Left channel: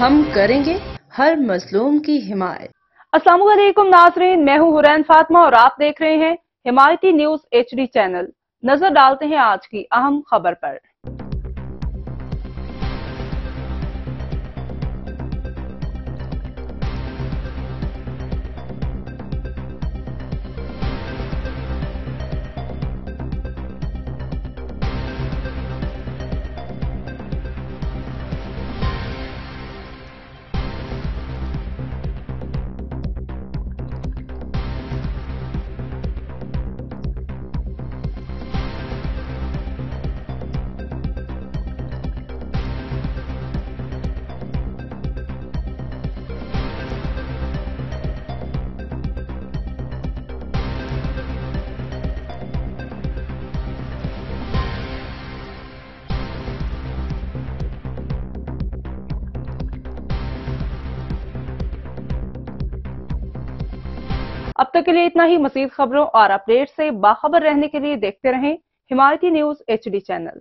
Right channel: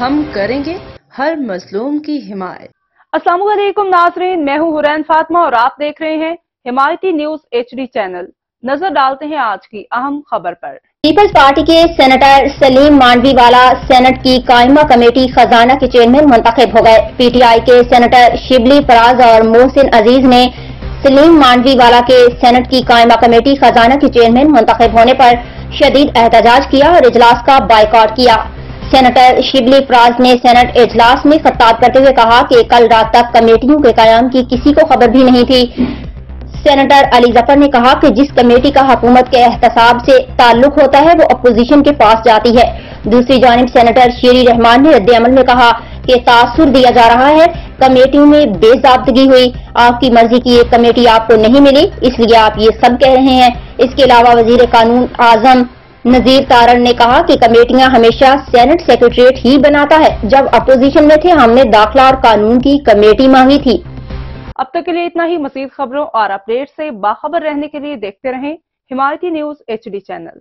ہم کریں گے ہر مظلوم کی حمایت۔ السلام علیکم ناظرین، میں ہوں حورین فاطمہ اور آپ دیکھ رہے ہیں حمایتی نیوز HD چینل۔ نظر ڈالتے ہیں آج کی اہم خبر پر۔ پیپلز پارٹی کے سینیٹر سلیم مانڈوی والا سینٹ کی قائمہ کمیٹی خزانہ کے چیئرمین منتخب ہو گئے۔ PTI کے سینیٹر شبلی فراز اور محسن عزیز نے سلیم مانڈوی والا کے سینٹ کی قائمہ کمیٹی خزانہ کے چیئرمین منتخب ہونے پر شدید احتجاج کیا اور اجلاس کا بائیکاٹ کیا۔ سینیٹر شبلی فراز نے سینٹ اجلاس میں خطاب کرتے ہوئے کہا کہ کل رات تک کمیٹیوں کے قیام کی کسی کو خبر بھی نہیں تھی۔ سینیٹر علی ظفر نے کہا کہ جس کمیٹی کا حکومت کے احتساب سے تعلق ہوتا ہے وہ اپوزیشن کے پاس جاتی ہے۔ دوسری جانب سینیٹر شیری رحمان نے رد عمل میں کہا کہ تاثر دیا جا رہا ہے، کمیٹیوں میں بے ضابطگی ہوئی، آپ کی مرضی کی ایک کمیٹی آپ کو نہیں ملی اس لیے آپ یہ سب کہہ رہے ہیں۔ اس کے علاوہ وزیر قانون اعظم نذیر تارڑ نے کہا کہ کمیٹیاں ہمیشہ سینٹ سیکریٹریٹ ہی بناتا ہے، جب اپوزیشن میں تھے ہم نے داخلہ اور قانون کی کمیٹی مانگی تھی۔ اب تک کے لیے اتنا ہی۔ مزید خبروں اور اپڈیٹ سے باخبر رہنے کے لیے دیکھتے رہیں حمایتی نیوز HD چینل۔